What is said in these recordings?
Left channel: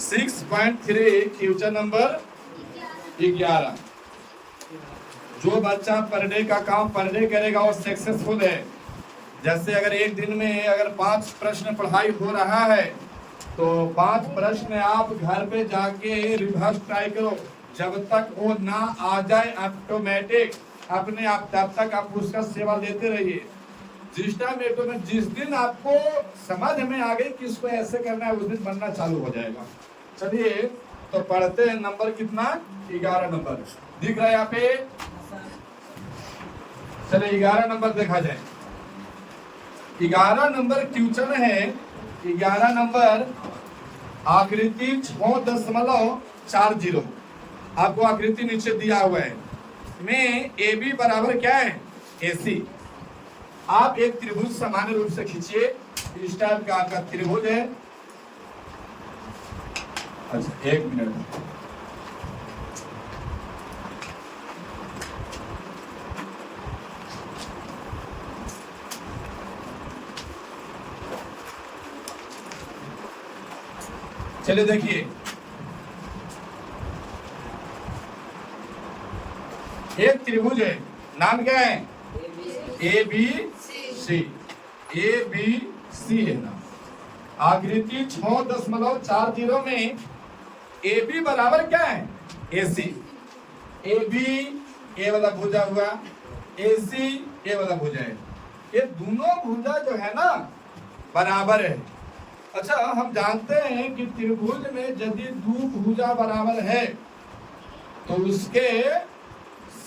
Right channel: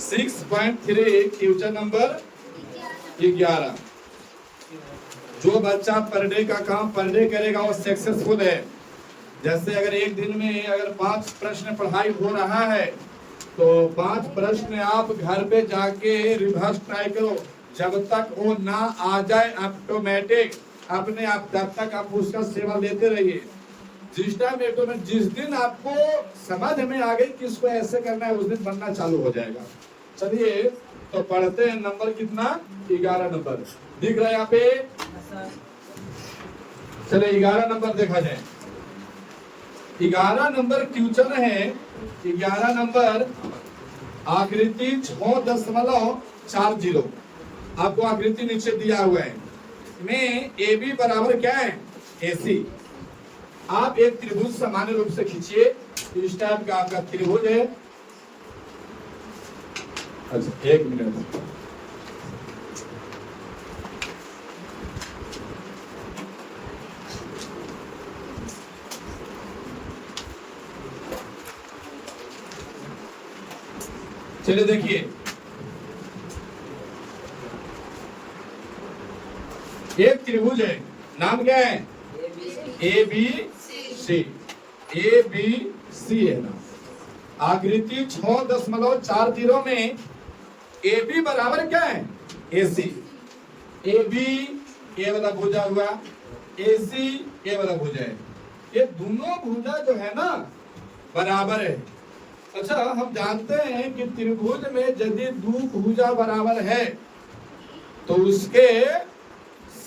6.3 question number 11। जो बच्चा per day का काम पर डे करेगा वो सक्सेसफुल है। जैसे अगर एक दिन में अगर 5 प्रश्न पढ़ाई हो रहा है तो 5 प्रश्न आप घर पे जाके रिवर्स ट्राई करो। जब तक वो ना आ जाए ऑटोमेटिक अपने आप, तब तक आप उसका सेवा लेते रहिए। जिस दिन आपको समझ में आ गई कि इसको ऐसे करना है, उस दिन बनना चालू हो जाएगा। चलिए तो पढ़ते हैं। नंबर कितना? 11 नंबर दिख रहा है यहाँ पे। चलिए 11 नंबर देखा जाए। 11 नंबर क्वेश्चन है। 11 नंबर आकृति 6.40। आपको आकृति नीचे दिया हुआ है में ए बी बराबर क्या है? AC। आप एक त्रिभुज सामान्य रूप से खींचिए। इस टाइप का आपका त्रिभुज है। अच्छा एक मिनट, चलिए देखिए एक त्रिभुज है, नाम क्या है? ABC। ABC है ना। आकृति 6.40 में AB बराबर क्या है? AC। AB ए वाला भुजा हुआ, AC ए वाला भुजा है। ये दोनों भुजा जो है ना बराबर है। अच्छा हम जानते हैं कि त्रिभुज में यदि दो भुजा बराबर है तो उसके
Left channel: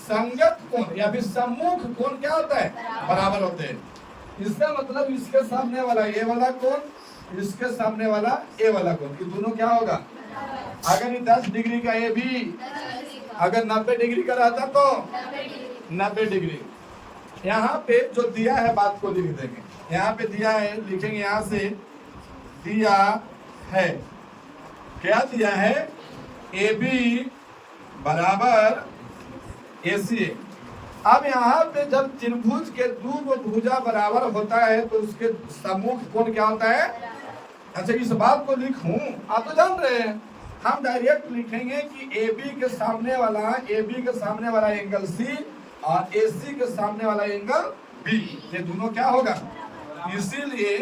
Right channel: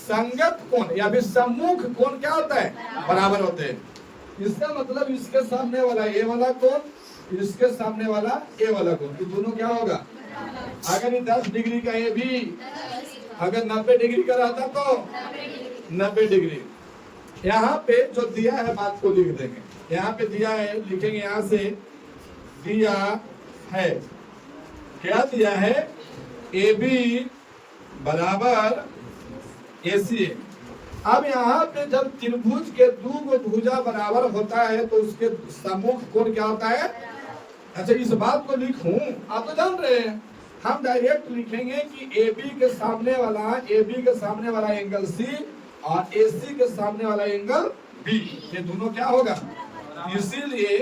संगत कोण या फिर सम्मुख कोण क्या होता है? बराबर होते हैं। इसका मतलब इसके सामने वाला ए वाला कोण, इसके सामने वाला ए वाला कोण, ये दोनों क्या होगा? अगर ये 10 डिग्री का ए भी अगर 90 डिग्री का रहता तो 90 डिग्री। यहाँ पे जो दिया है बात को लिख देंगे। यहाँ पे दिया है, लिखेंगे यहाँ से दिया है। क्या दिया है? AB बराबर AC। अब यहाँ पे जब त्रिभुज के दो भुजा बराबर होता है तो उसके सम्मुख कोण क्या होता है? अच्छा इस बात को लिखूं, आप तो जान रहे हैं। हम डायरेक्ट लिखेंगे कि AB के सामने वाला एंगल C और AC के सामने वाला एंगल B, ये दोनों क्या होगा? इसीलिए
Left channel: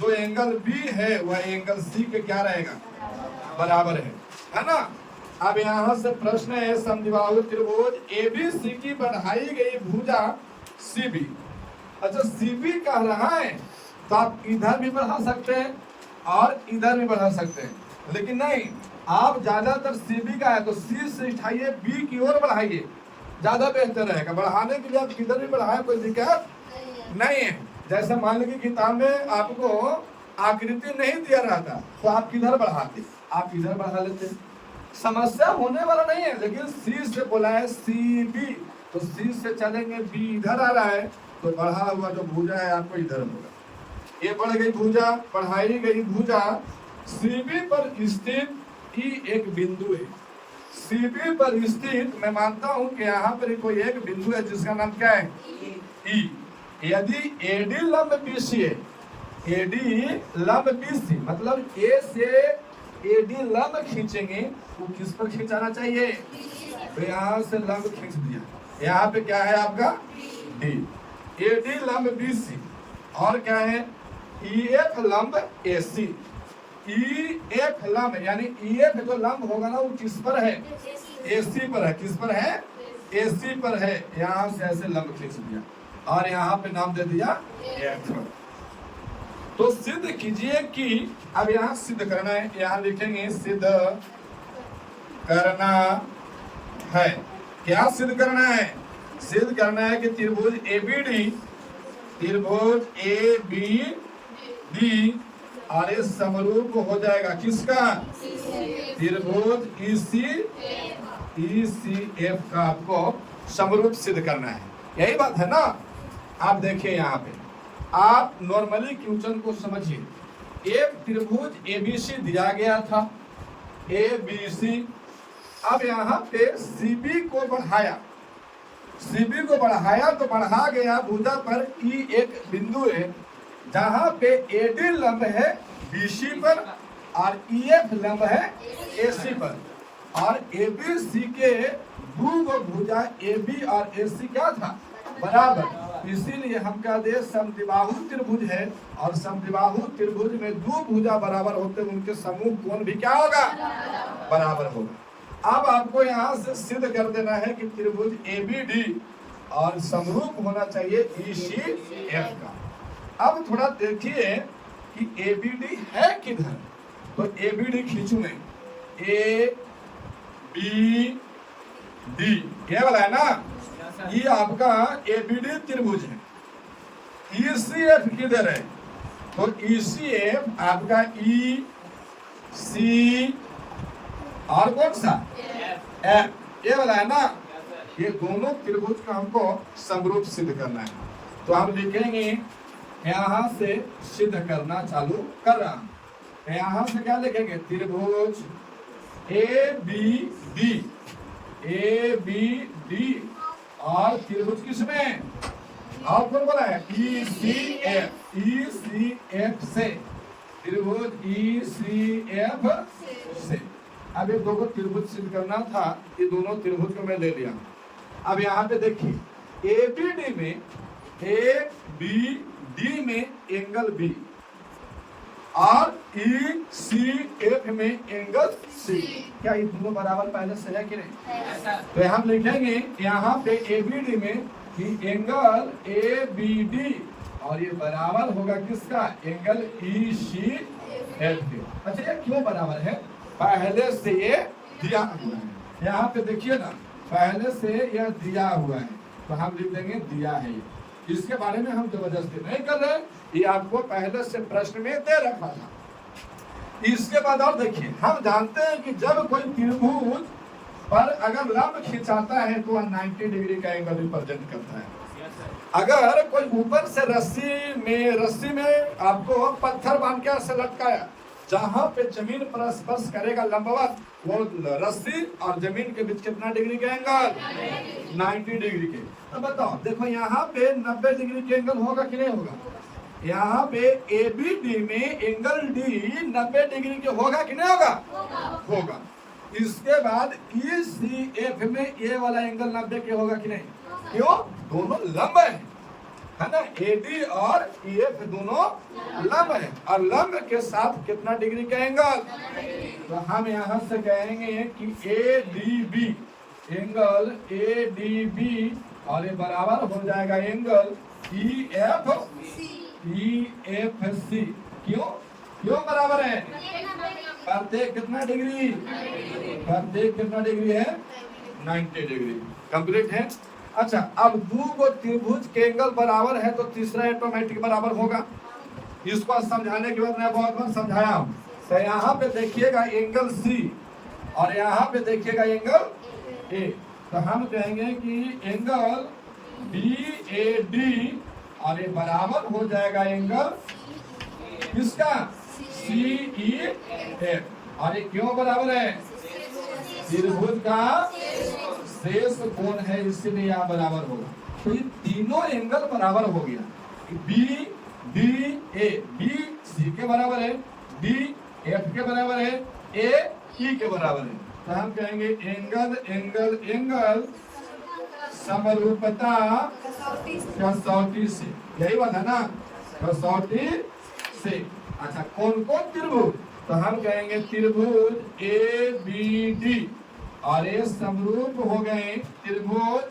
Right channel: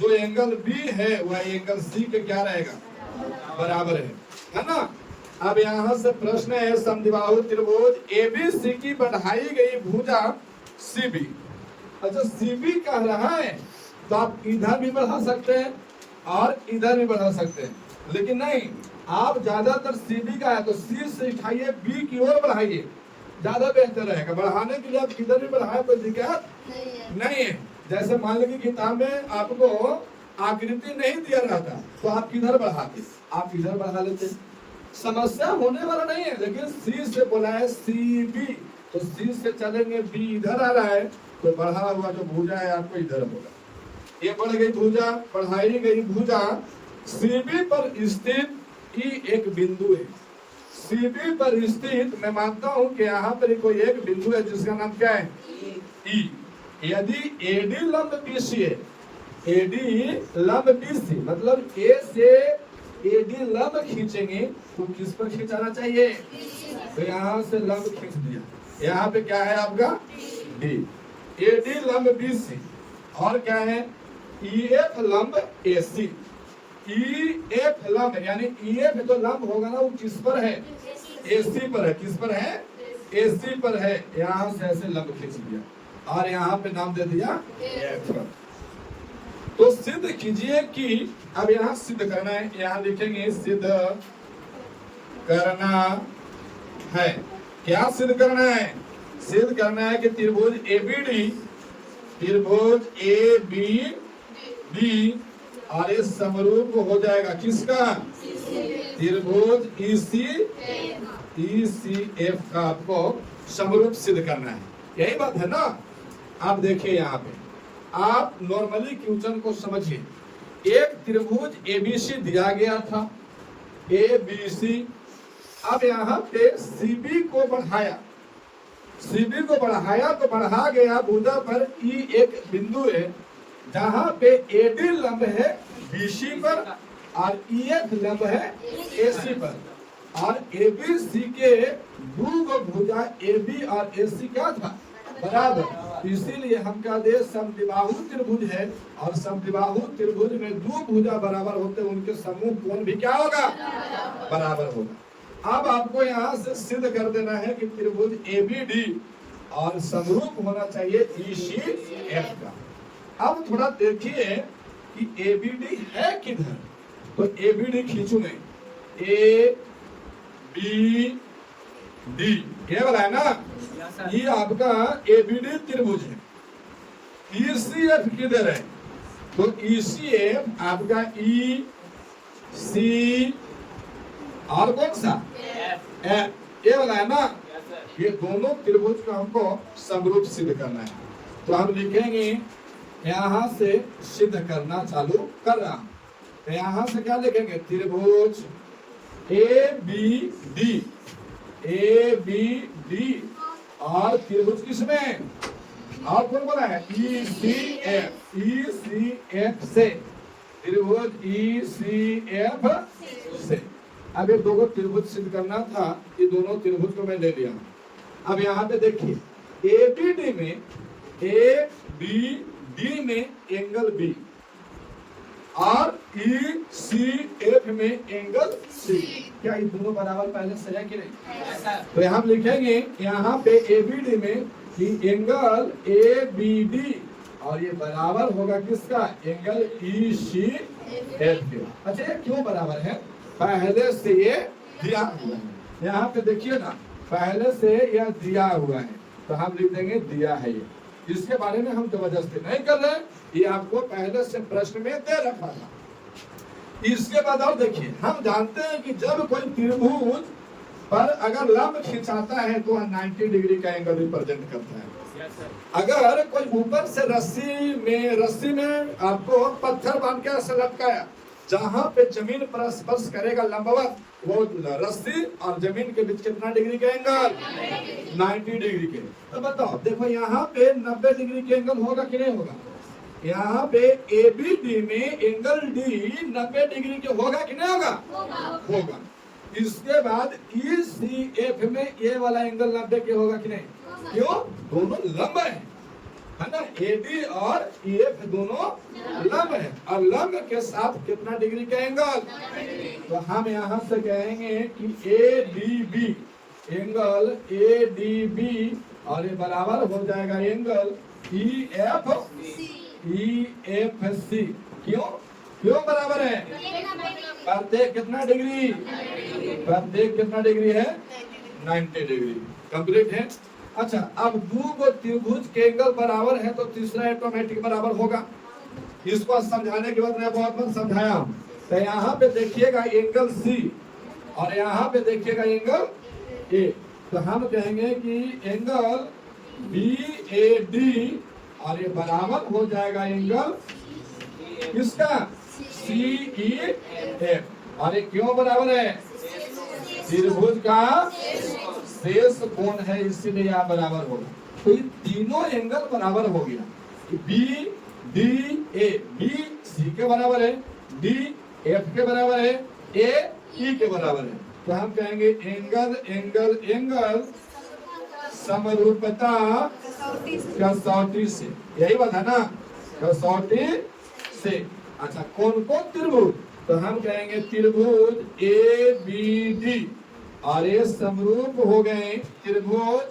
जो एंगल B है वह एंगल C पे क्या रहेगा? बराबर है ना। अब यहाँ से प्रश्न है, समद्विबाहु त्रिभुज ABC की बढ़ाई गई भुजा CB। अच्छा CB कह रहा है तो आप इधर भी बढ़ा सकते हैं और इधर भी बढ़ा सकते हैं, लेकिन नहीं, आप ज्यादातर CB का है तो C से उठाइए B की ओर बढ़ाइए, ज्यादा बेहतर रहेगा। बढ़ाने के लिए आप किधर भी बढ़ाए कोई दिक्कत नहीं है। जैसे मान लीजिए किताब में आपको आकृति नहीं दिया रहता तो आप किधर बढ़ाते? आप इधर बढ़ा लेते, समस्या होने वाला नहीं है। लेकिन C से बोला है CB तो C से चलेंगे, B इधर आ रहा है तो बढ़ा हुआ जो भुजा है आपको इधर होगा। ये बढ़ गई भुजा, बढ़ाई गई भुजा CB पर स्थित E एक बिंदु है। CB पर स्थित मैं मानता हूं कि यहाँ पर कोई एक बिंदु है जिसका नाम क्या है? E। यदि AD लंब BC है, AD लंब BC मतलब A से AD लंब खींचेंगे तो किस पर खींचाना चाहिए? तो यहाँ से लंब खींच दिया। यहाँ पे क्या है आपका? D। AD लंब BC और क्या है? EF लंब AC। EF लंब यानी EF जो लंब होगा ना वो किस पर है? AC पर है। किस पर है? AC पर है। यहाँ से ऐसे लंब खींच दिया और यहाँ पे नाम दे दिया F। तो सिद्ध कीजिए कि अब यहाँ सिद्ध करना है, यहाँ लिखेंगे सिद्ध करना है। क्या सिद्ध करना है? सिद्ध करना है कि त्रिभुज ABD और ये समरूप हो जाएगा किसका? त्रिभुज ECF का आपको समरूप सिद्ध करना है। यही बात है ना। आप देखिए यहाँ पे आप नॉर्मली क्वेश्चन को समझिए। एक त्रिभुज ABC दिया गया था, ABC। अब यहाँ पे CB को बढ़ाया, CB को बढ़ाया तो बढ़ा गया भुजा पर E एक बिंदु है जहाँ पे AD लंब है BC पर और EF लंब है AC पर, और ABC के दो भुजा AB और AC क्या था, बराबर। इसीलिए हम कहते हैं समद्विबाहु त्रिभुज है, और समद्विबाहु त्रिभुज में दो भुजा बराबर होते हैं, उनके समूह कोण भी क्या होगा, बराबर होगा। अब आपको यहाँ से सिद्ध कर देना है कि त्रिभुज ABD और समरूप होना चाहिए ECF का। अब थोड़ा देखिए कि ABD है किधर, तो ABD खींचू में ABD ये वाला है ना, ये आपका ABD त्रिभुज है। ECF किधर है, तो ECF आपका EC और कौन सा F, ये वाला है ना। ये दोनों त्रिभुज का हमको समरूप सिद्ध करना है, तो हम लिखेंगे यहां से सिद्ध करना चालू कर रहा हूं। तो यहां से क्या लिखेंगे, त्रिभुज ABD और त्रिभुज किसमें, और कौन बोला है, ECF से, त्रिभुज ECF से। अब ये दोनों त्रिभुज सिद्ध करना था, ये दोनों त्रिभुज को मैं ले लिया। अब यहाँ पे देखिए ABD में एंगल B और ECF में एंगल C, क्या ये दोनों बराबर पहले से है कि नहीं। तो हम लिखेंगे यहाँ पे ABD में कि एंगल ABD और ये बराबर होगा किसका, एंगल ECF के। अच्छा ये क्यों बराबर है, पहले से ये दिया हुआ है, यहाँ पे देखिए ना, पहले से यह दिया हुआ है, तो हम लिख देंगे दिया है ये। इसके बारे में हम जबरदस्ती नहीं कर रहे, ये आपको पहले से प्रश्न में दे रखा था। इसके बाद और देखिए, हम जानते हैं कि जब कोई त्रिभुज पर अगर लंब खिंचाता है तो 90 डिग्री का एंगल रिप्रेजेंट करता है। अगर कोई ऊपर से रस्सी में आपको पत्थर बांध के ऐसे लटकाया, जहां पे जमीन पर स्पर्श करेगा लंबवत, वो रस्सी और जमीन के बीच कितना डिग्री का एंगल, 90 डिग्री के। तो बताओ, देखो यहाँ पे 90 डिग्री के एंगल होगा कि नहीं होगा, यहाँ पे ABD में एंगल D 90 डिग्री के होगा कि नहीं होगा, होगा। इसके बाद ECF में ये वाला एंगल 90 के होगा कि नहीं, क्यों, दोनों लंब है ना, AD और EF दोनों लंब है, और लंब के साथ कितना डिग्री का एंगल, तो हम यहाँ से कहेंगे कि ADB, एंगल ADB और ये बराबर हो जाएगा एंगल EFC। क्यों बराबर है, प्रत्येक कितना डिग्री, प्रत्येक कितना डिग्री है, 90 डिग्री। कंप्लीट है। अच्छा, अब दो को त्रिभुज के एंगल बराबर है तो तीसरा ऑटोमेटिक बराबर होगा। इसको समझाने के बाद मैं बहुत बार समझाया हूं। तो यहाँ पे देखिएगा एंगल C और यहाँ पे देखिएगा एंगल A, तो हम कहेंगे कि एंगल BAD और ये बराबर हो जाएगा एंगल किसका, CEF। और ये क्यों बराबर है, त्रिभुज का शेष कोण है, इसीलिए यहाँ बराबर होगा। तो ये तीनों एंगल बराबर हो गया, BDA, B C के बराबर है, D F के बराबर है, A E के बराबर है। तो हम कहेंगे एंगल एंगल एंगल समरूपता कसौटी से, यही बात है ना, कसौटी से। अच्छा, कौन कौन त्रिभुज, तो हम कहेंगे त्रिभुज ABD और ये समरूप हो गए त्रिभुज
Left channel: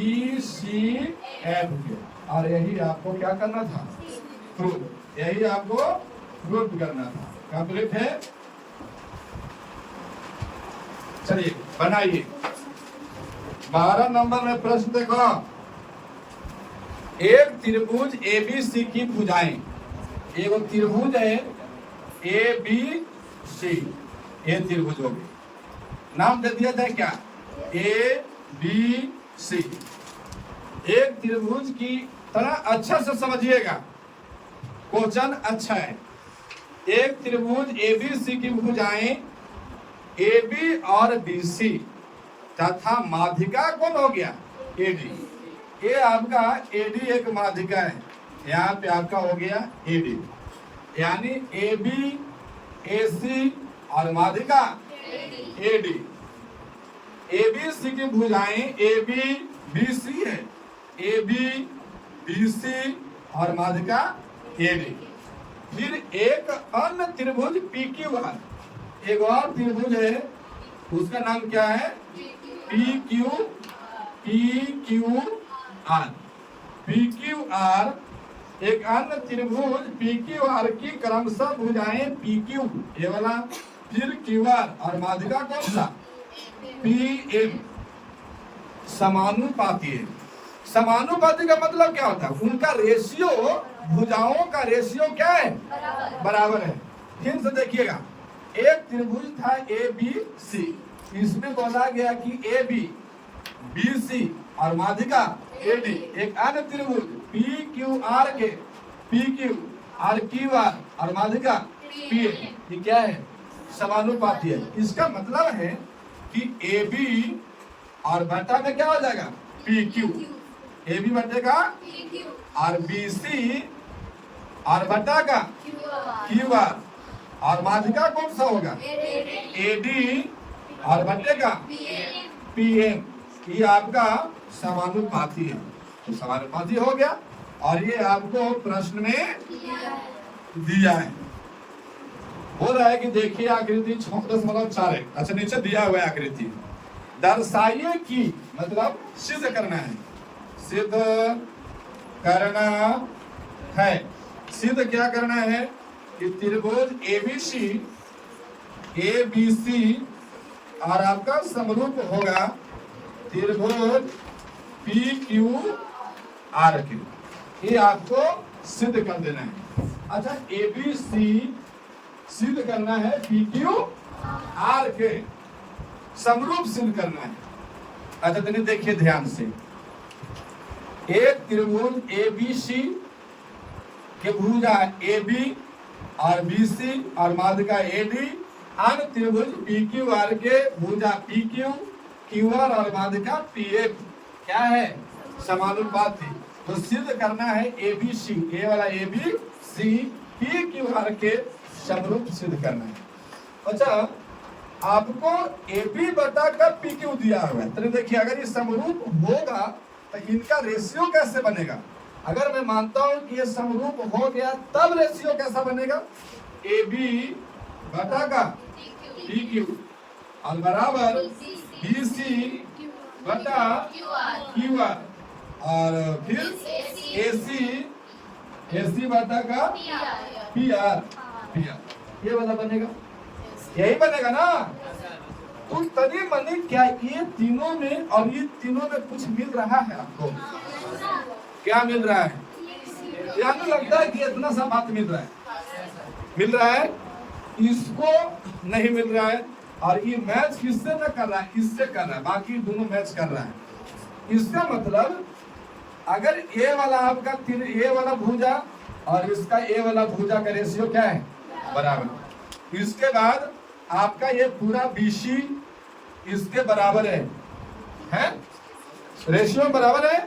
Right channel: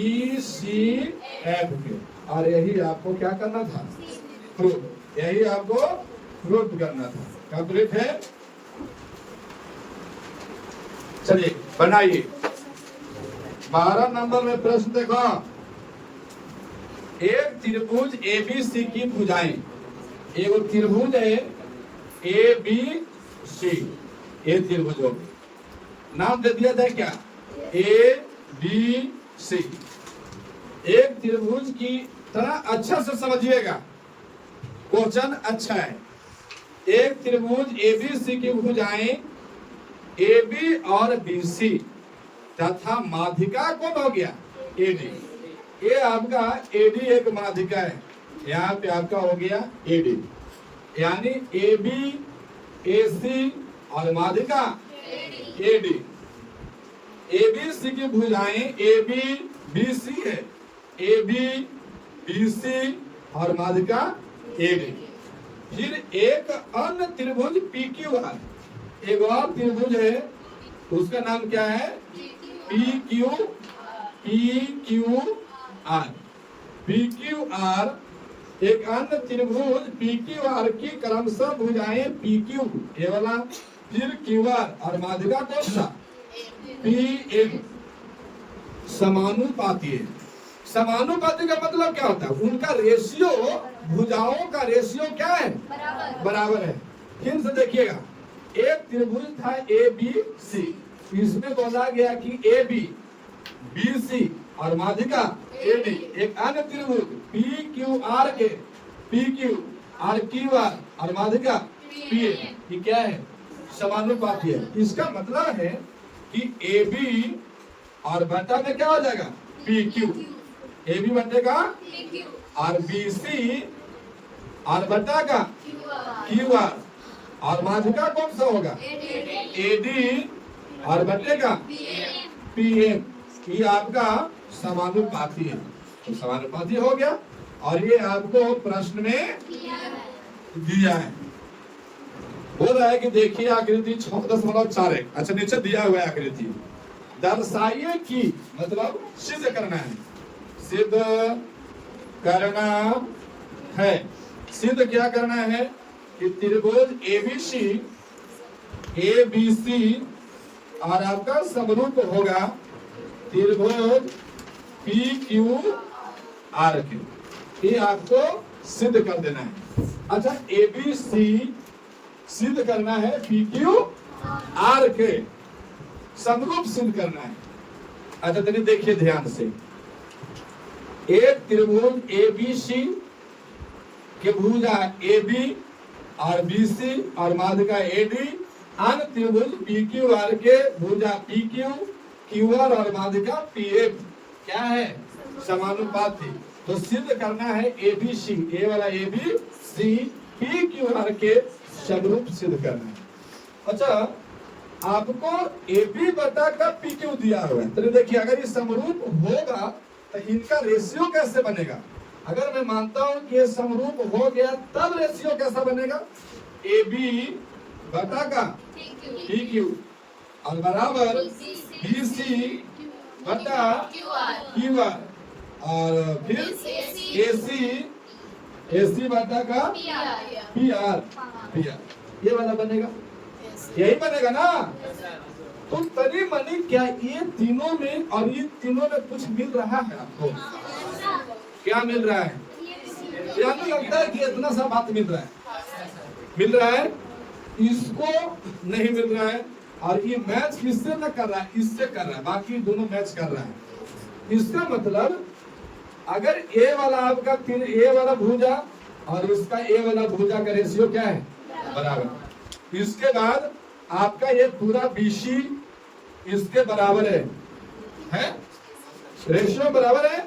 ECF के। और यही आपको क्या करना था, प्रूफ, यही आपको प्रूफ करना था। कंप्लीट है। चलिए बनाइए 12 नंबर में प्रश्न देखो, एक त्रिभुज ABC की भुजाएं, एक त्रिभुज है ABC, ये त्रिभुज हो गए, नाम दे दिया था क्या, ABC। एक त्रिभुज की तरह अच्छा से समझिएगा, क्वेश्चन अच्छा है। एक त्रिभुज ABC की भुजाएं AB और BC तथा माध्यिका कौन हो गया, AD। ये आपका AD एक माध्यिका है, यहाँ पे आपका हो गया AD, यानी AB AC और माध्यिका AD। ABC की भुजाएं AB BC है, AB BC और माध्यिका AD। फिर एक अन्य त्रिभुज PQR, एक और त्रिभुज है, उसका नाम क्या है? PQR। PQR एक अन्य त्रिभुज PQR की क्रमशः भुजाएं PQ ये वाला, फिर QR और माध्यिका कौन सा? PM। समानुपाती है। समानुपाती का मतलब क्या होता है? उनका रेशियो, भुजाओं का रेशियो क्या है? बराबर है। फिर से देखिएगा, एक त्रिभुज था ABC, इसमें बोला गया कि AB BC और माध्यिका AD। एक अन्य त्रिभुज PQR के PQ और QR और माध्यिका PA, ये क्या है? समानुपाती है। इसका मतलब है कि AB और बटा में क्या हो जाएगा? PQ। AB बटेगा और BC और बटा का QR और माध्यिका कौन सा होगा? AD और बटेगा PM। ये आपका समानुपाती है। तो समानुपाती हो गया और ये आपको प्रश्न में दिया है। हो रहा है कि देखिए आकृति 6.41। अच्छा, नीचे दिया हुआ है आकृति। दर्शाइए कि, मतलब सिद्ध करना है, सिद्ध करना है। सिद्ध क्या करना है कि त्रिभुज ABC और आपका समरूप होगा त्रिभुज PQR के। ये आपको सिद्ध कर देना है। अच्छा, ABC सिद्ध करना है PQR के समरूप सिद्ध करना है। अच्छा, तो देखिए ध्यान से, एक त्रिभुज ABC के भुजा AB और BC और माध्यिका AD, अन्य त्रिभुज PQR के भुजा PQ, QR और माध्यिका PM क्या है? समानुपाती। तो सिद्ध करना है ABC, ये वाला ABC PQR के समरूप सिद्ध करना है। अच्छा, आपको AB बटा का PQ दिया हुआ है, तो देखिए अगर ये समरूप होगा तो इनका रेशियो कैसे बनेगा? अगर मैं मानता हूं कि ये समरूप हो गया, तब रेशियो कैसा बनेगा? AB बटा का PQ और बराबर BC बटा QR और फिर AC बटा का PR। ये वाला बनेगा, यही बनेगा ना? तो तनी मनी क्या ये तीनों में और ये तीनों में कुछ मिल रहा है आपको? क्या मिल रहा है? क्या तो लगता है कि इतना सा बात मिल रहा है? मिल रहा है, इसको नहीं मिल रहा है। और ये मैच किससे न कर रहा है? इससे कर रहा है, बाकी दोनों मैच कर रहा है। इसका मतलब अगर ए वाला आपका ए वाला भुजा और इसका ए वाला भुजा का रेशियो क्या है? बराबर। इसके बाद आपका ये पूरा BC इसके बराबर है? रेशियो बराबर है।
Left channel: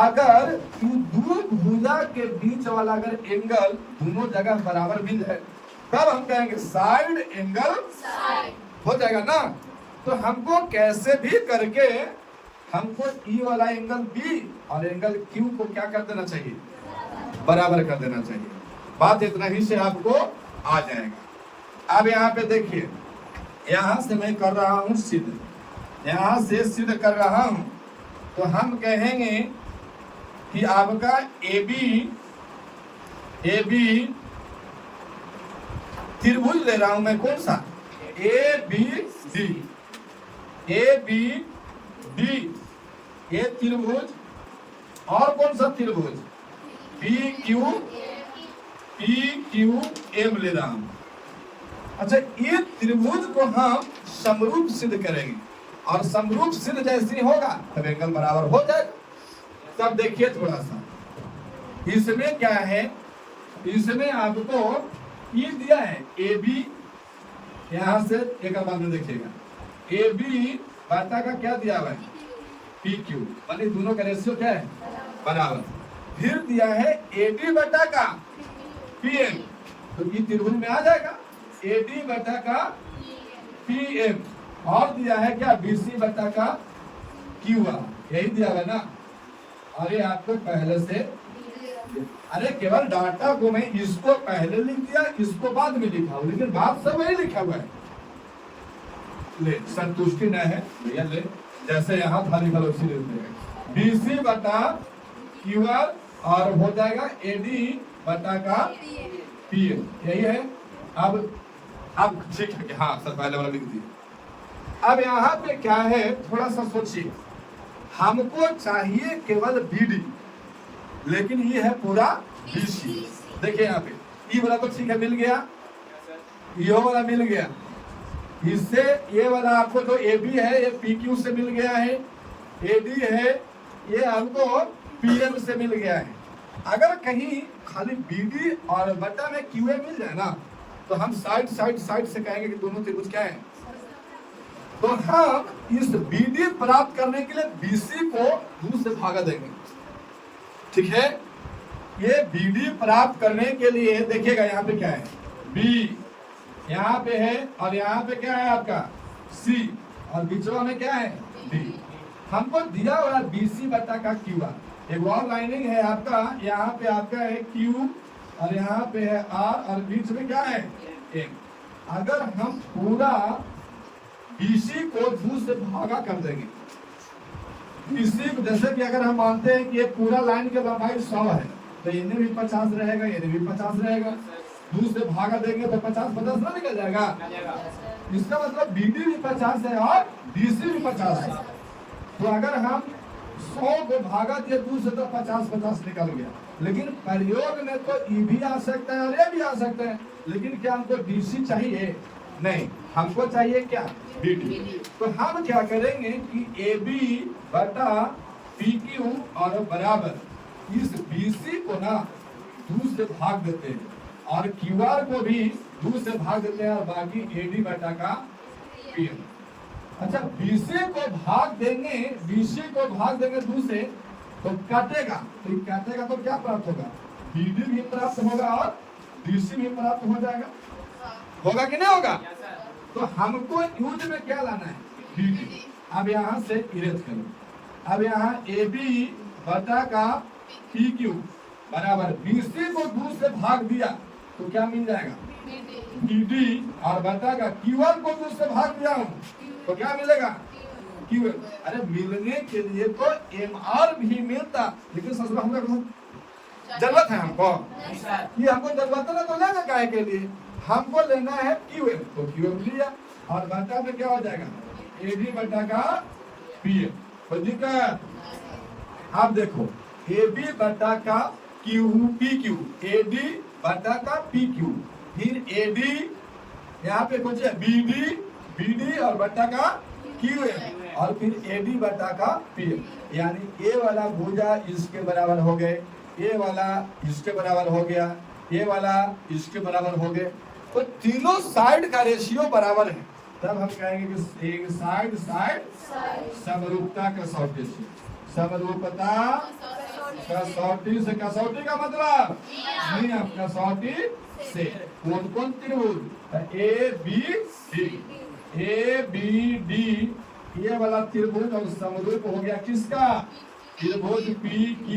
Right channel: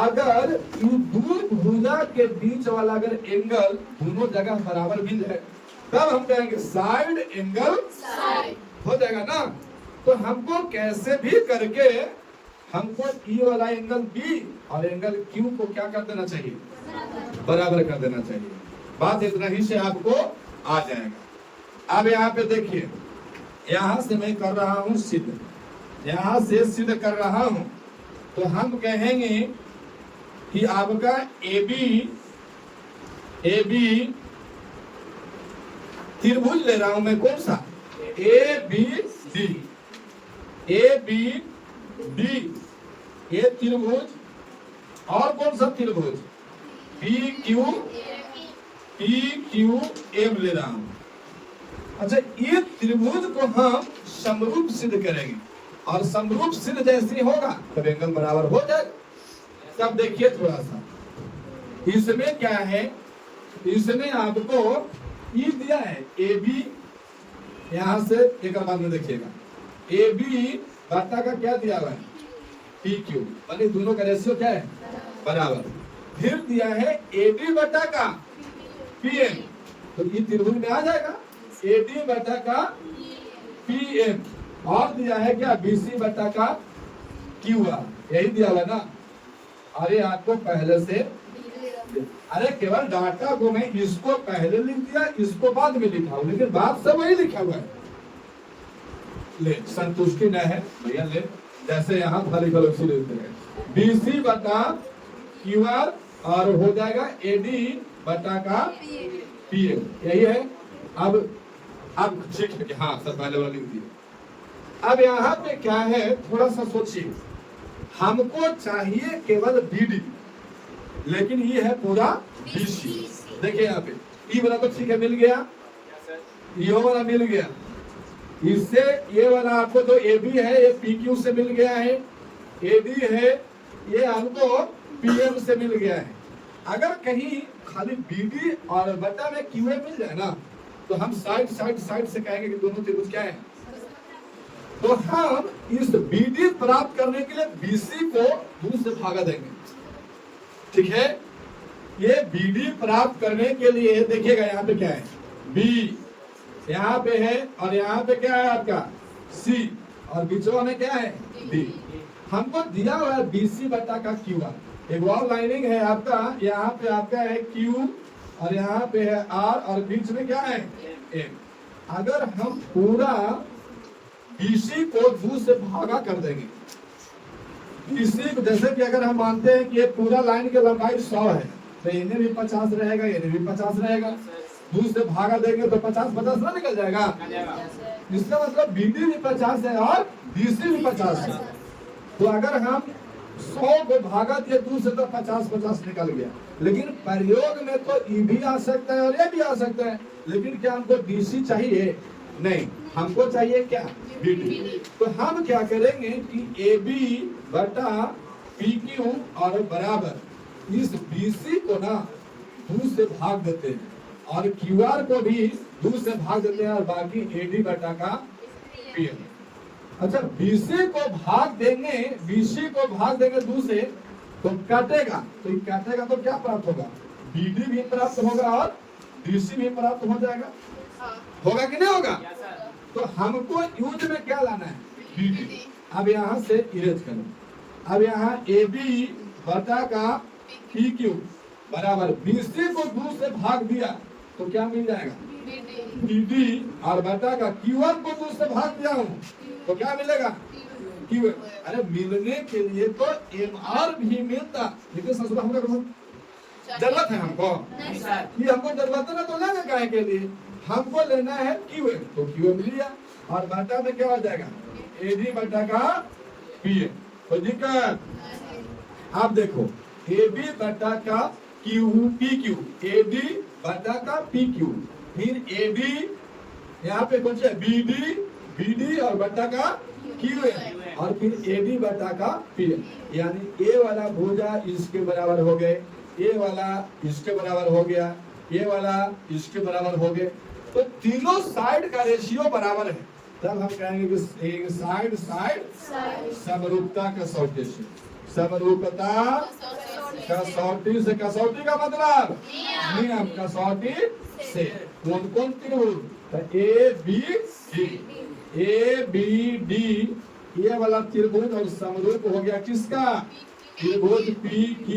अगर दो भुजा के बीच वाला अगर एंगल दोनों जगह बराबर मिल जाए, तब हम कहेंगे साइड एंगल हो जाएगा ना? तो हमको कैसे भी करके हमको E वाला एंगल B और एंगल Q को क्या कर देना चाहिए? बराबर कर देना चाहिए। बात इतना ही से आपको आ जाएगा। अब यहाँ पे देखिए, यहाँ से मैं कर रहा हूँ सिद्ध, यहाँ से सिद्ध कर रहा हूँ, तो हम कहेंगे कि आपका AB त्रिभुज ले रहा हूं मैं, कौन सा? ABD ये त्रिभुज, और कौन सा त्रिभुज? PQM ले रहा हूं। अच्छा, ये त्रिभुज को हम समरूप सिद्ध करेंगे और समरूप सिद्ध जैसे होगा तब एंगल बराबर हो जाए। तब देखिए थोड़ा सा, इसमें क्या है? इसमें आपको ये दिया है AB, यहां से एक बाद में देखिएगा AB बटा का क्या दिया हुआ है? PQ, माने दोनों का रेशियो क्या है? बराबर। फिर दिया है AD बटा का PM, तो ये त्रिभुज में आ जाएगा। AD बटा का PM और दिया है क्या BC बटा का QR, यही दिया हुआ ना। अरे आपको पहले से, अरे केवल डाटा को मैं इसको पहले लिख दिया, इसको बाद में लिखा हूं, लेकिन बात सब वही लिखा हुआ है। ले संतुष्टि न है भैया, ले जैसे यहाँ था लिखा उसी लिखते हैं BC बटा QR और हो जाएगा AD बटा का PM, यही है। अब ठीक है, हाँ सर पहले वाला लिख दिया। अब यहाँ पे क्या है, थोड़ा सा सोचिए, हमको चाहिए केवल BD, लेकिन ये है पूरा BC। देखिए यहाँ पे ये वाला तो ठीक है मिल गया, ये वाला मिल गया, इससे ये वाला आपको तो AB है ये PQ से मिल गया है, AD है ये हमको PM से मिल गया है। अगर कहीं खाली BD और बटा में QA मिल जाए ना, तो हम साइड से कहेंगे कि दोनों त्रिभुज क्या है। तो हम इस BD प्राप्त करने के लिए BC को 2 से भागा देंगे, ठीक है। ये BD प्राप्त करने के लिए देखिएगा यहाँ पे क्या है, B यहाँ पे है और यहाँ पे क्या है आपका C और बीचों में क्या है D। हमको दिया हुआ है BC बटा का QR, एक और लाइनिंग है आपका, यहाँ पे आपका है Q और यहाँ पे है R और बीच में क्या है M। अगर हम पूरा BC को 2 से भागा कर देंगे, BC को जैसे कि अगर हम मानते हैं कि ये पूरा लाइन की लंबाई 100 है, तो इन्हें भी 50 रहेगा, इन्हें भी 50 रहेगा, 2 से भागा देंगे तो 50 ना निकल जाएगा। इसका मतलब BD भी 50 है और BC भी 50 है। तो अगर हम 100 को भागा दिए 2 से तो 50 निकल गया। लेकिन प्रयोग में तो ये भी आ सकता है और ये भी आ सकता है, लेकिन क्या हमको BC चाहिए? नहीं, हमको चाहिए क्या BD। तो हम क्या करेंगे कि AB बटा PQ और बराबर इस BC को ना 2 से भाग देते हैं और QR को भी 2 से भाग देते हैं और बाकी AD बटा का PM। अच्छा BC को भाग देंगे 2 से तो काटेगा, तो काटेगा तो क्या प्राप्त होगा, BD भी प्राप्त होगा और BC भी प्राप्त हो जाएगा, होगा कि नहीं होगा। तो हमको यूज में क्या लाना है BD। अब यहाँ से इरेज करो, अब यहाँ AB बटा का PQ बराबर BC को 2 से भाग दिया तो क्या मिल जाएगा BD और बटा का QR को 2 से भाग दिया हूँ तो क्या मिलेगा QA। अरे मिलने के लिए तो MR भी मिलता, लेकिन ससुर हमको जरूरत है, हमको ये हमको जरूरत है ना, तो लेंगे काय के लिए, हमको लेना है QA, तो QA मिल लिया और बटा में क्या हो जाएगा AD बटा का PA। कोई दिक्कत? आप देखो AB बटा का PQ, AD बटा का PQ, फिर AD यहाँ पे कुछ है BD और बटा का QA और फिर AD बटा का PM। यानी A वाला भुजा इसके बराबर हो गए, A वाला इसके बराबर हो गया, ये वाला इसके बराबर हो गए, तो तीनों साइड का रेशियो बराबर है। तब हम कहेंगे कि एक साइड समरूपता कसौटी से, समरूपता कसौटी से, कसौटी का मतलब नियम कसौटी से कौन त्रिभुज ABD, ये वाला त्रिभुज और समरूप हो गया किसका, त्रिभुज PQ।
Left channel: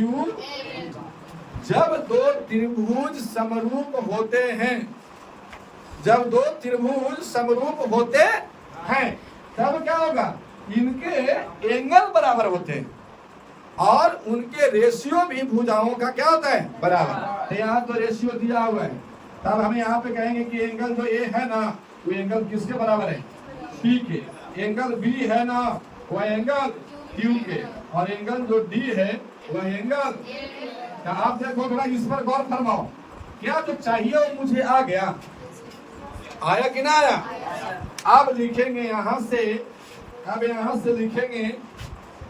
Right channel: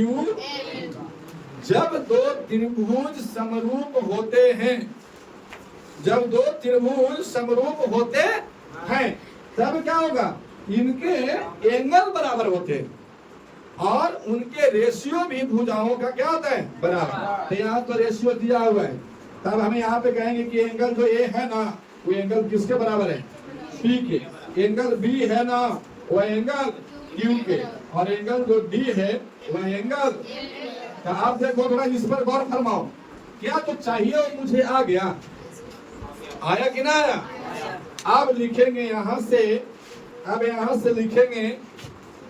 जब 2 त्रिभुज समरूप होते हैं, जब 2 त्रिभुज समरूप होते हैं तब क्या होगा, इनके एंगल बराबर होते हैं और उनके रेशियो भी भुजाओं का क्या होता है बराबर। तो यहाँ तो रेशियो दिया हुआ है, तब हम यहाँ पे कहेंगे कि एंगल जो A है ना वो एंगल किसके बराबर है P के, एंगल B है ना वो एंगल Q के, और एंगल जो D है वह एंगल। आप देखो थोड़ा इस पर गौर फरमाओ, क्या जो चाहिए वो मुझे आ गया, आया कि ना आया। अब लिखेंगे यहाँ से, अब यहाँ से लिखेंगे,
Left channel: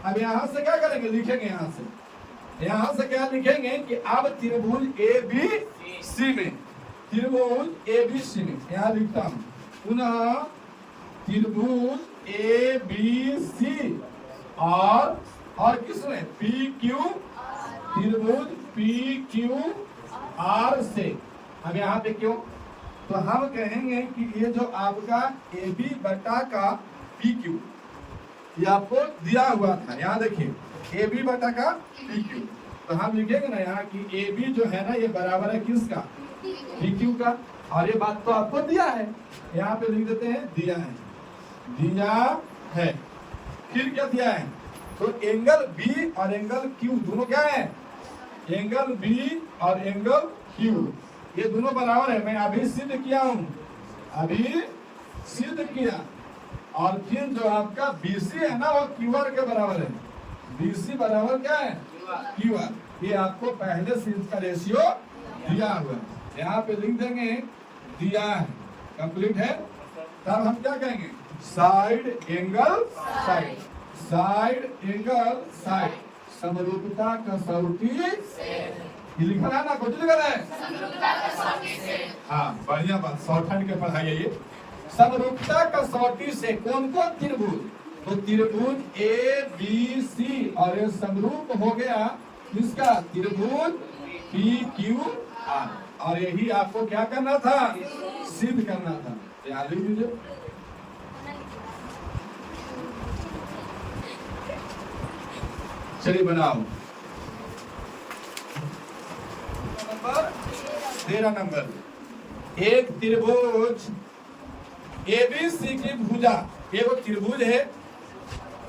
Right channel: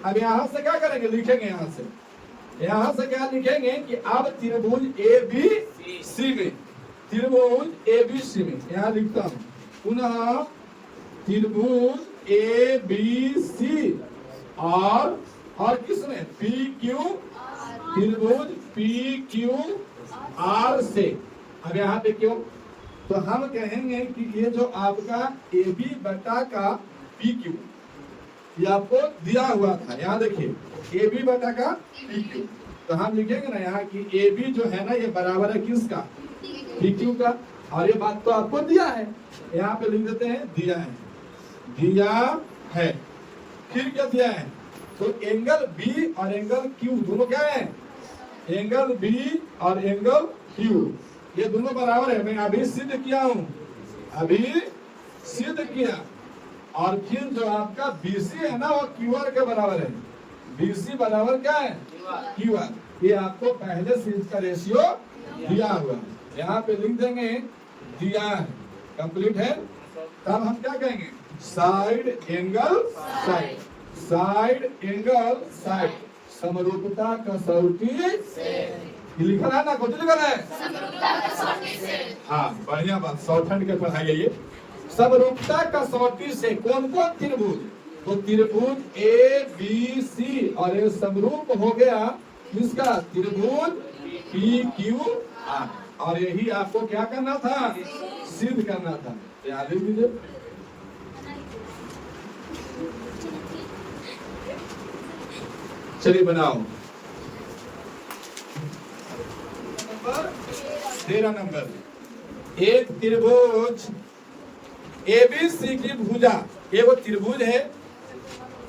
अब यहाँ से क्या करेंगे, लिखेंगे यहाँ से क्या लिखेंगे कि अब त्रिभुज ABC में, त्रिभुज ABC में यहाँ लिखता हूँ पुनः त्रिभुज ABC और किसमें PQ, त्रिभुज PQR से। अब यहाँ पे क्यों, तो तो हम कहेंगे कि ये जो आपका ए बी बटा का पी क्यू, ये आपको दिया हुआ था। यहाँ देखिए ए बी बटा का पी क्यू, तो हम लिखेंगे ना यहाँ कि ए बी जो है ना ये बराबर है किसका, पी क्यू का। और ये बात तो आपको दिया है, यहाँ पे लिख देते हैं दिया है, दिया है। फिर क्या दिया है, तो एंगल बी और एंगल क्यू दोनों क्या है, एंगल बी और एंगल क्यू ये दोनों बराबर है। मैं अभी सिद्ध किया हूं, अभी सिद्ध किया। और फिर जो आपका BC है ना वो QR के बराबर है, BC बराबर क्या है, QR। ये आपको पहले से इसका रेशियो दिया हुआ है, यहाँ पे लिख देंगे दिया है, कंप्लीट है। तब हम क्या कहेंगे, side angle side, side angle side, समरूपता कसौटी। ये लिखा है ना, कुछ लिखा है, हाँ बढ़िया बात, शॉर्टहैंड के पढ़ाई है ये। समरूपता कसौटी से कौन कौन त्रिभुज, तो त्रिभुज ए बी सी, और ये समरूप हो गया इसका त्रिभुज पी क्यू आर। और यही आपको क्या करना था, सिद्ध करना था। याद लीजिए, चलिए बनाओ। 13 नंबर, एक त्रिभुज एबीसी की भुजा, ये वो त्रिभुज है,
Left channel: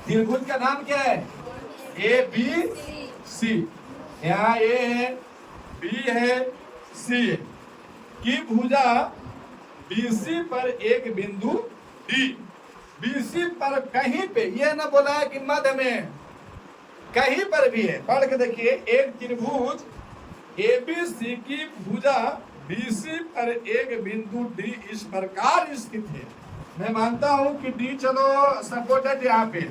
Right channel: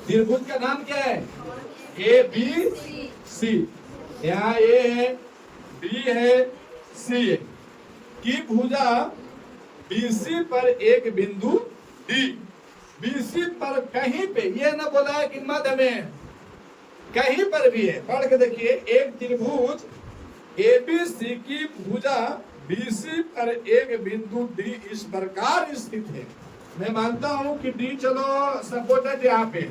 त्रिभुज का नाम क्या है, ए बी सी। यहाँ ए है, बी है, सी है, की भुजा बीसी पर एक बिंदु डी, बीसी पर कहीं पे, ये ना बोला है कि मध्य में, कहीं पर भी है। पढ़ के देखिए, एक त्रिभुज एबीसी की भुजा बीसी पर एक बिंदु डी इस प्रकार स्थित है। मैं मानता हूं कि डी चलो सपोर्टेड यहाँ पे,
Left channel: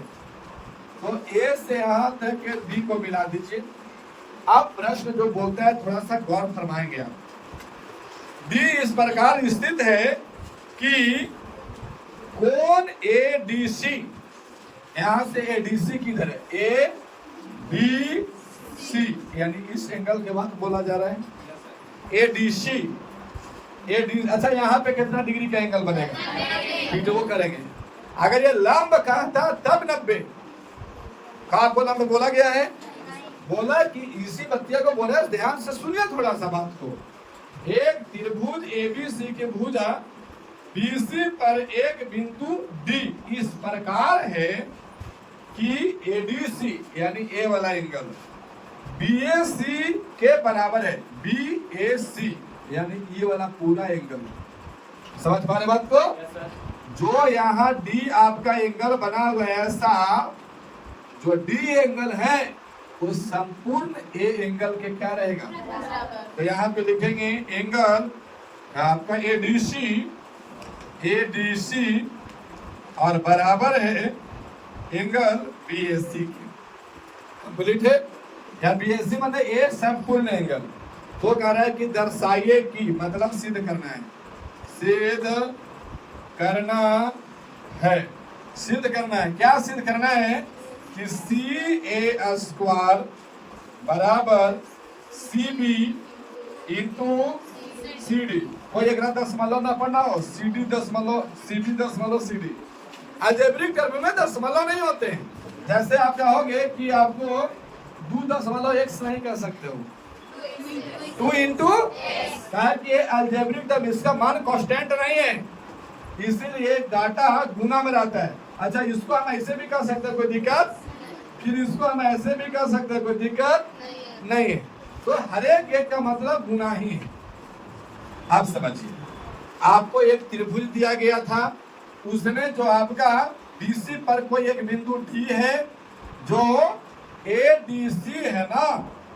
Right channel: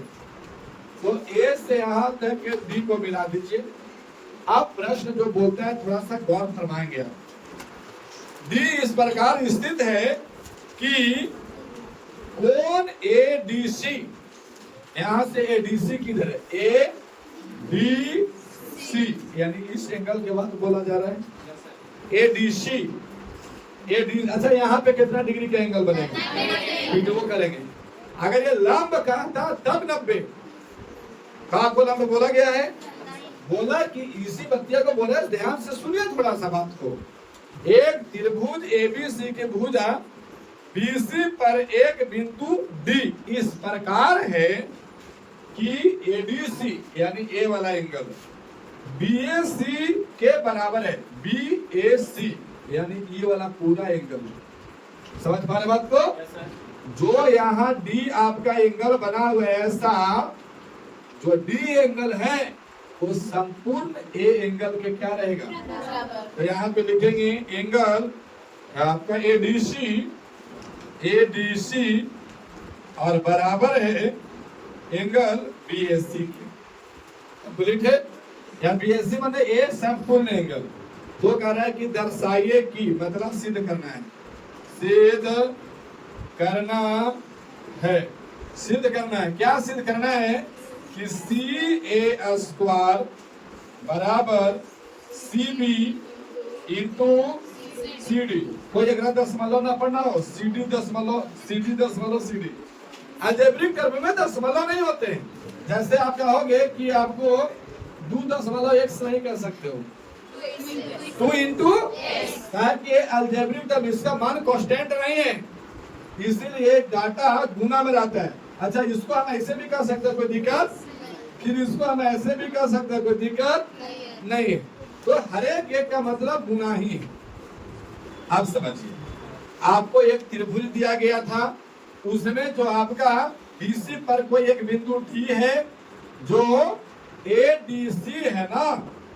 तो ए से यहाँ तक डी को मिला दीजिए। अब प्रश्न जो बोलता है थोड़ा सा गौर फरमाएंगे आप। डी इस प्रकार स्थित है कि कोण एडीसी, यहां से एडीसी किधर है, ए डी सी, यानी इस एंगल के बाद बोला जा रहा है एडीसी, एडी। अच्छा यहाँ पे कितना डिग्री का एंगल बनेगा, ठीक है वो करेंगे। अगर ये लंब का था तब 90 का को लंब बोला गया है, बोला कि इसी बत्तिया को बोला, ध्यान से सुनिए थोड़ा सा बात को। एक त्रिभुज एबीसी की भुजा बीसी पर एक बिंदु डी इस प्रकार है कि एडीसी यानी ए वाला एंगल बीएसी के बराबर है, बीएसी यानी ये वाला पूरा एंगल। समझ पा रहे बात को, जो यहाँ डी आपका एंगल बना हुआ है, ऐसा जो डी एंगल है वो संपूर्ण ए एंगल के क्या रहेगा, तो यहाँ पे लिखेंगे एंगल आपका एडीसी, एडीसी और बराबर है एंगल बीएसी के। कंप्लीट है, यहाँ बीएसी मतलब ए संपूर्ण एंगल। तो कह रहा है कि दर्शाइए कि, मतलब सिद्ध करना है, सिद्ध करना है, सिद्ध करना है। क्या सिद्ध करना है कि सी ए स्क्वायर बराबर C B into C D. कोई एक दशमलव ना पढ़ना हो, सी डी दशमलव, सी डी दशमलव, सी डी। अलजेब्रिक कर्व में दशमलव नहीं होते, जैसे आप कहोगे कि आपको 2.1 सही कर सकते हो, 2 इंटू, कि अलजेब्रिक टर्म, इसका मान कांस्टेंट नहीं है, इसीलिए डाटा गुना में रहता है। अच्छा इसको हम ऐसे भी कर सकते हैं, कोई दिक्कत, फिर इसको हम ऐसे भी कर सकते हैं, कोई दिक्कत नहीं है। तो हर एक का मतलब गुना ही है। आप समझिए, आपको एक त्रिभुज दिया गया था, उसमें जो आपका बीसी पर कोई एक बिंदु डी है, जो एडीसी है ना,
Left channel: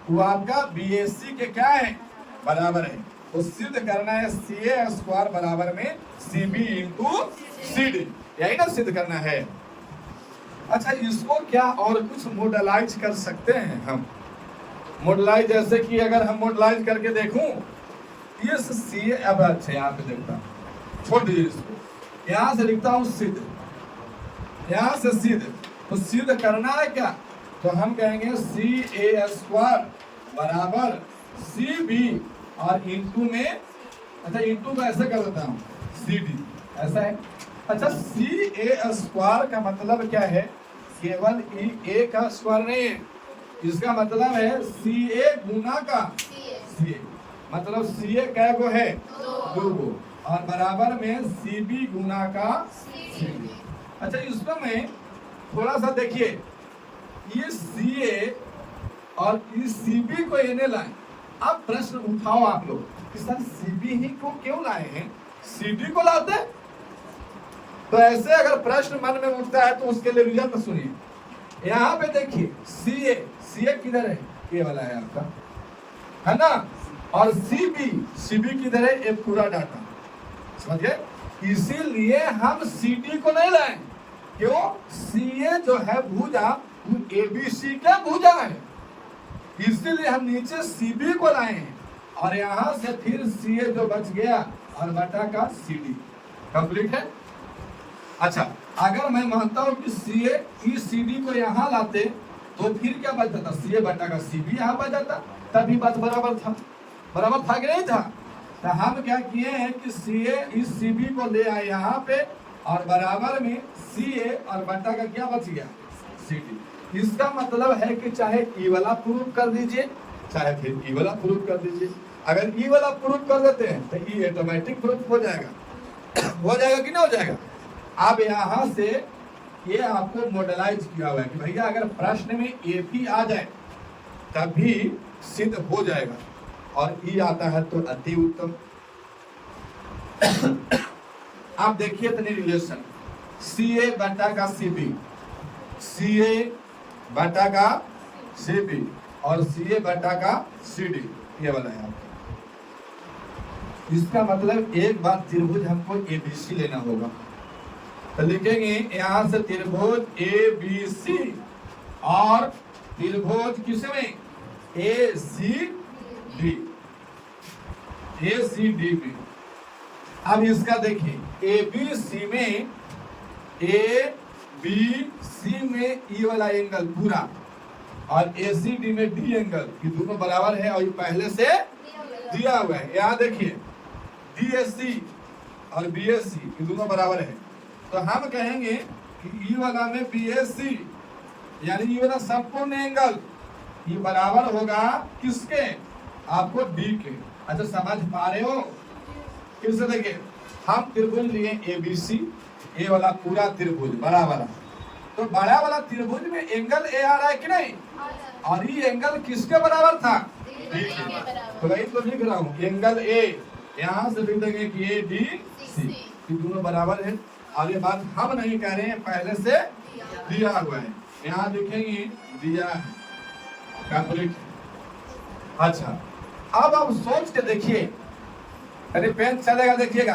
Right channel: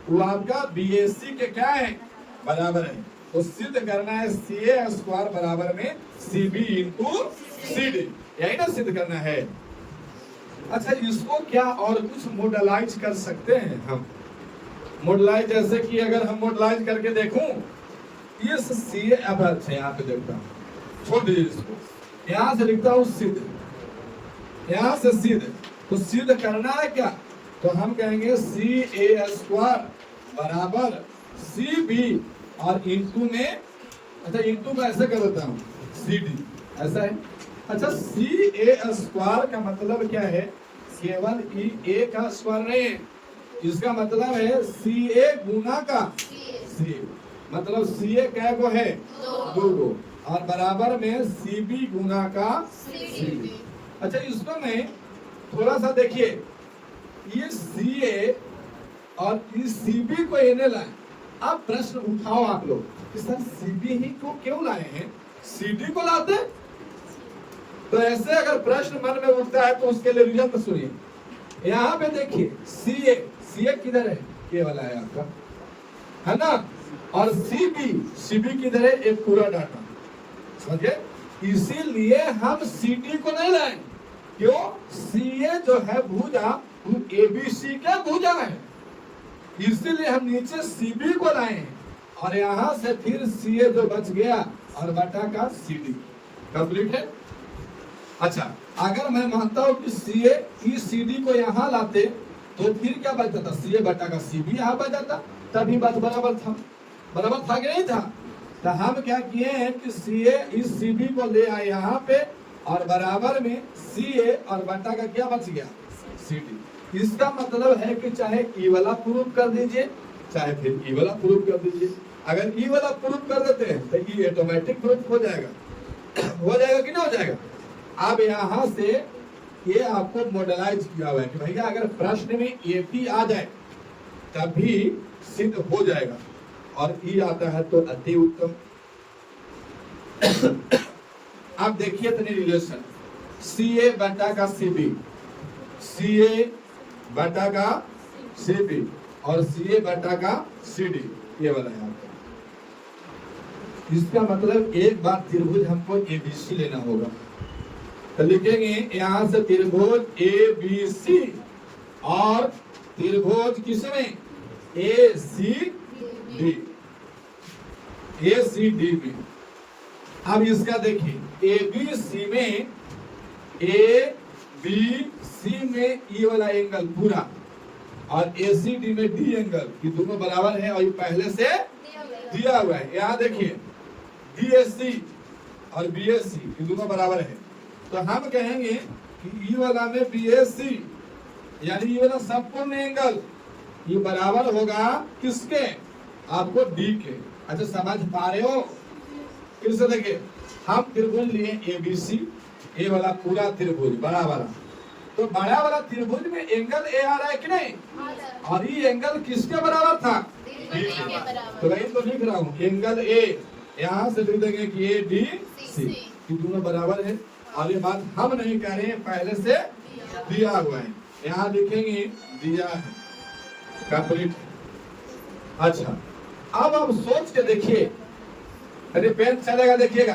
वो आपका बीएसी के क्या है, बराबर है। तो सिद्ध करना है सी ए स्क्वायर बराबर में C B into C D, यही ना सिद्ध करना है। अच्छा इसको क्या और कुछ मॉडलाइज कर सकते हैं हम, मॉडलाइज जैसे कि अगर हम मॉडलाइज करके देखूं, ये सी ए, अब अच्छा यहाँ पे देखता हूँ, छोड़ दीजिए इसको, यहाँ से लिखता हूँ सिद्ध, यहाँ से सिद्ध। तो सिद्ध करना है क्या, तो हम कहेंगे सी ए स्क्वायर बराबर सी बी और इंटू में अच्छा इंटू में ऐसे कर देता हूँ CD ऐसा है। अच्छा CA² का मतलब क्या है? केवल A का स्क्वायर नहीं है, इसका मतलब है CA गुना का CA, मतलब CA क्या को है? दो गो, और बराबर में CB गुना का CB। अच्छा इसमें मैं थोड़ा सा देखिए, ये CA और इस CB को ये लाए। अब प्रश्न उठाओ आप लोग कि सर CB ही को क्यों लाए हैं, CD को लाते? तो ऐसे अगर प्रश्न मन में उठता है तो उसके लिए रिजल्ट सुनिए। यहाँ पे देखिए CA किधर है? ये वाला है आपका, है ना, और CB किधर है? ये पूरा डाटा, समझ गए? इसीलिए हम CD को नहीं लाए। क्यों? CA जो है भुजा ABC का भुजा है, इसीलिए हम नीचे CB को लाए हैं, और यहाँ से फिर CA जो बच गया और बटा का CD कंप्लीट है। अच्छा अगर मैं मानता हूं कि CA इस CD को यहाँ लाते तो फिर क्या बच जाता? CA बटा का CB यहाँ बच जाता, तभी बात बराबर था। बराबर था कि नहीं था? तो हम क्या किए हैं कि CA इस CB को ले आए यहाँ पे, और बराबर में CA और बटा का क्या बच गया? CD। इसका मतलब है कि चाहे E वाला प्रूफ कर दीजिए, चाहे फिर E वाला प्रूफ कर दीजिए। अगर E वाला प्रूफ कर देते हैं तो E ऑटोमेटिक प्रूफ हो जाएगा। हो जाएगा कि नहीं हो जाएगा? अब यहाँ से ये आपको मॉडलाइज किया हुआ है कि भैया अगर प्रश्न में AP आ जाए तभी सिद्ध हो जाएगा, और E आता है तो अति उत्तम। आप देखिए तनी रिलेशन CA बटा का CB, CA बटा का CB और CA बटा का CD, ये वाला है आपका। इसका मतलब एक बार त्रिभुज हमको ABC लेना होगा, तो लिखेंगे यहां से त्रिभुज ABC और त्रिभुज किसमें? ACD में। अब इसका देखिए ABC में ABC में E वाला एंगल पूरा, और ACD में D एंगल, ये दोनों बराबर है और ये पहले से दिया हुआ है। यहाँ देखिए DSC और BSC ये दोनों बराबर है, तो हम कहेंगे कि E वाला में BSC यानी E वाला संपूर्ण एंगल ये बराबर होगा किसके? आपको D के। अच्छा समझ पा रहे हो? फिर से देखिए, हम त्रिभुज लिए ABC, ये वाला पूरा त्रिभुज बड़ा वाला, तो बड़ा वाला त्रिभुज में एंगल A आ रहा है कि नहीं? और ये एंगल किसके बराबर था? D के। तो वही तो लिख रहा हूँ एंगल A, यहाँ से लिख देंगे कि ADC, ये दोनों बराबर है। और ये बात हम नहीं कह रहे हैं, पहले से दिया हुआ है, यहाँ लिखेंगे दिया है, कंप्लीट। अच्छा अब आप सोच के देखिए, अरे पेन चलेगा, देखिएगा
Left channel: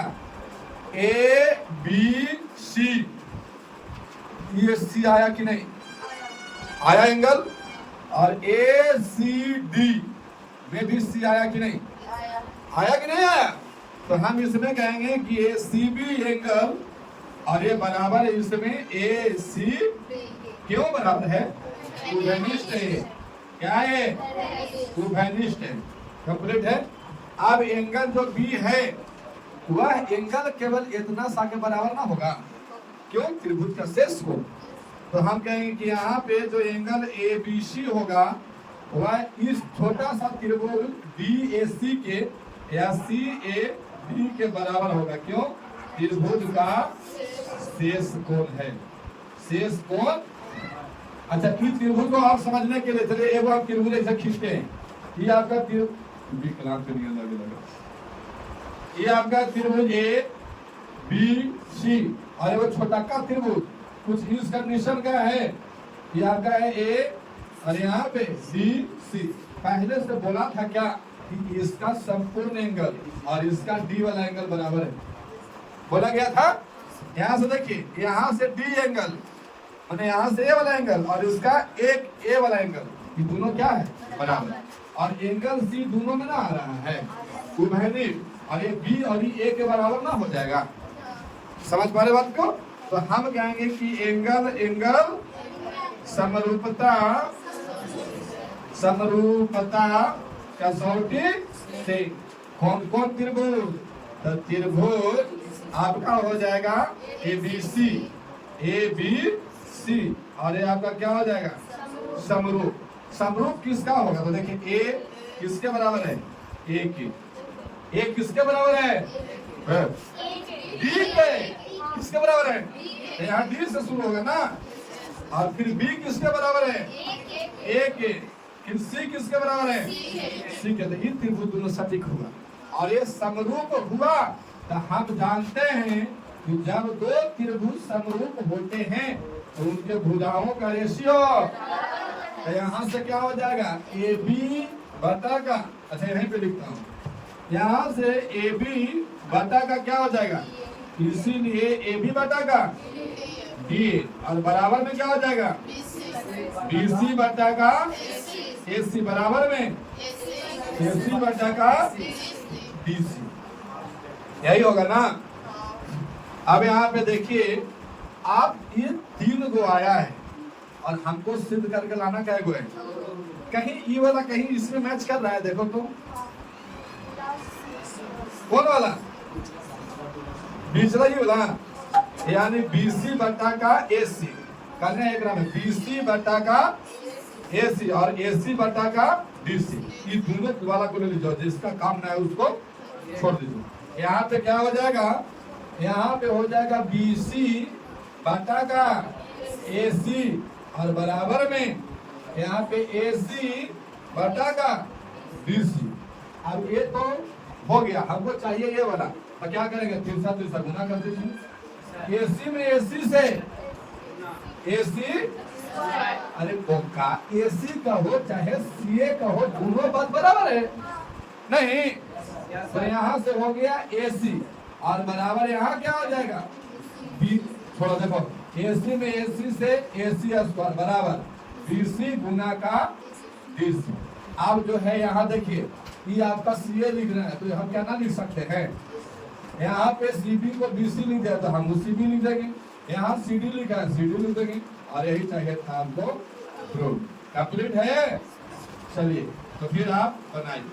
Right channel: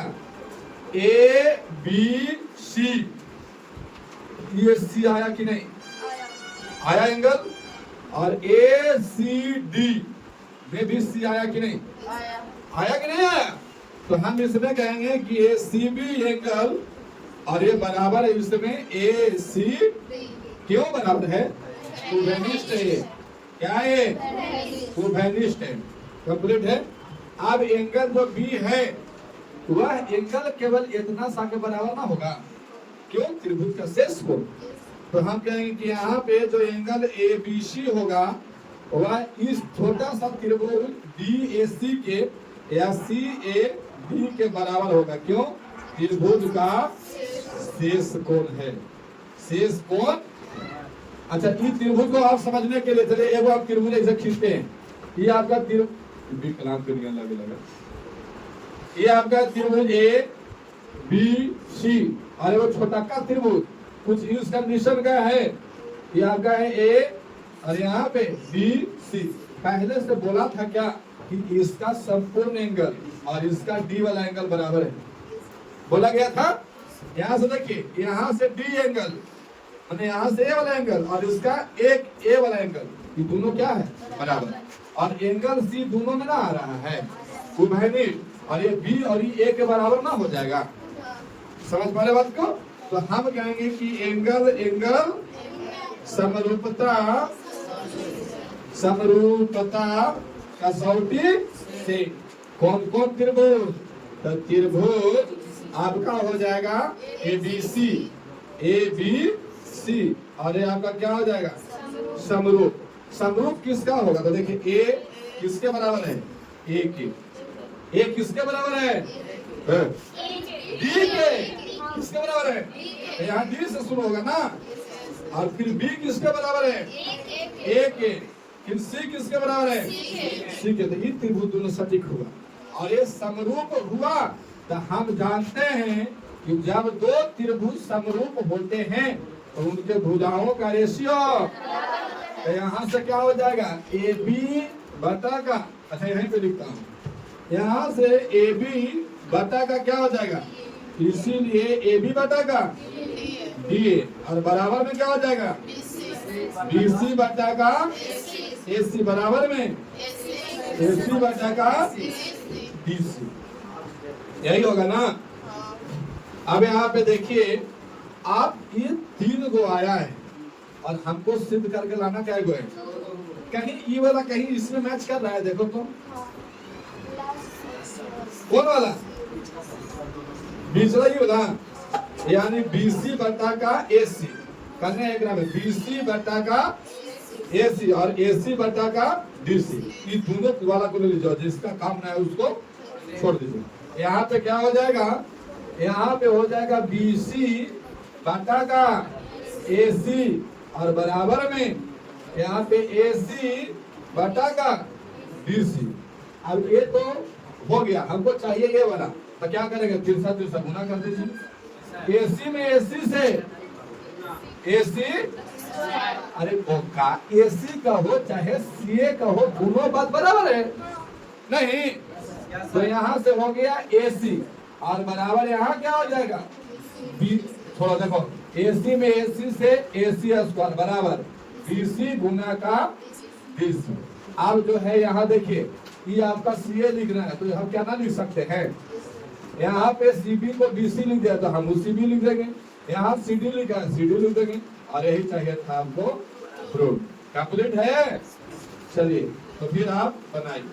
ABC, ये C आया कि नहीं? आया एंगल, और ACD में भी C आया कि नहीं? आया कि नहीं आया? तो हम इसमें कहेंगे कि ACB एंगल, और ये बराबर है इसमें AC, क्यों बराबर है? उभयनिष्ठ है। क्या है? उभयनिष्ठ है, कंप्लीट है। अब एंगल जो B है वह एंगल केवल इतना सा के बराबर ना होगा, क्यों? त्रिभुज का शेष को। तो हम कहेंगे कि यहाँ पे जो एंगल ABC होगा वह इस छोटा सा त्रिभुज DAC के या CAD के बराबर होगा, क्यों? त्रिभुज का शेष कोण है, शेष कोण। अच्छा इस त्रिभुज को आप समझने के लिए चलिए एक आप त्रिभुज ऐसे खींचते हैं, ये आपका विकलांग लगे लगा, ये आपका त्रिभुज ABC, और वो छोटा का त्रिभुज कुछ इस कंडीशन का है, ये आपका है A और यहाँ पे DC। पहले से बोला था क्या कि इसका संपूर्ण एंगल और इसका D वाला एंगल बराबर है, बोला गया था। यहाँ से देखिए, यहाँ से D एंगल और यहाँ से A वाला एंगल और इसका एक A वाला एंगल, ये दोनों क्या है? बराबर। और एंगल C दोनों में ना आ रहा है, उभयनिष्ठ, और ये B और ये A के बराबर ना हो जाएगा। समझ पा रहे बात को? तो हम कहेंगे कि एंगल समरूपता कसौटी से कौन कौन त्रिभुज? तो त्रिभुज आपका हो जाएगा ABC, ABC, और ये आपका क्या हो जाएगा? समरूप। समरूप किसका होगा? तो देखिए A किसके बराबर है? A के। A किसके बराबर है? D के। किसके बराबर है? यहाँ D से शुरू होगा ना, और फिर B किसके बराबर है? A के। फिर C किसके बराबर है? C के। तो ये त्रिभुज दोनों सटीक हुआ, और ये समरूप हुआ। तो हम जानते हैं कि जब दो त्रिभुज समरूप होते हैं तो उनके भुजाओं का रेशियो, तो यहाँ से क्या हो जाएगा? AB बटा का, अच्छा यहीं पे लिखता हूँ, यहाँ से AB बटा का क्या हो जाएगा? इसीलिए AB बटा का DA, और बराबर में क्या हो जाएगा? BC बटा का AC, बराबर में AC बटा का DC, यही होगा ना। अब यहाँ पे देखिए, आप ये 3 गो आया है और हमको सिद्ध करके लाना क्या गो है? कहीं ई वाला कहीं इसमें मैच कर रहा है, देखो तो कौन वाला? बीच वाला, ये वाला, यानी BC बटा का AC करना है, एक में BC बटा का AC और AC बटा का DC, ये दोनों वाला को ले लीजिए, जिसका काम ना है उसको छोड़ दीजिए। यहाँ पे क्या हो जाएगा? यहाँ पे हो जाएगा BC बटा का AC, और बराबर में यहाँ पे AC बटा का DC। अब ये तो हो गया, हमको चाहिए ये वाला, तो क्या करेंगे? तिरछा तिरछा गुना कर दीजिए। AC में AC से AC, अरे का AC का हो चाहे CA का हो, दोनों बात बराबर है नहीं? तो यहाँ से हो गया AC, और बराबर यहाँ क्या हो जाएगा? B, थोड़ा देखो, AC में AC से AC स्क्वायर बराबर BC गुना का DC। अब जो है यहाँ देखिए, ये आपका CA लिख रहा है, तो हम क्या ना लिख सकते हैं? यहाँ पे CB को BC लिख दिया, तो हम CB लिख देंगे। यहाँ CD लिखा है, CD लिख देंगे, और यही चाहिए था हमको प्रूफ। कंप्लीट है? चलिए, तो फिर आप बनाइए।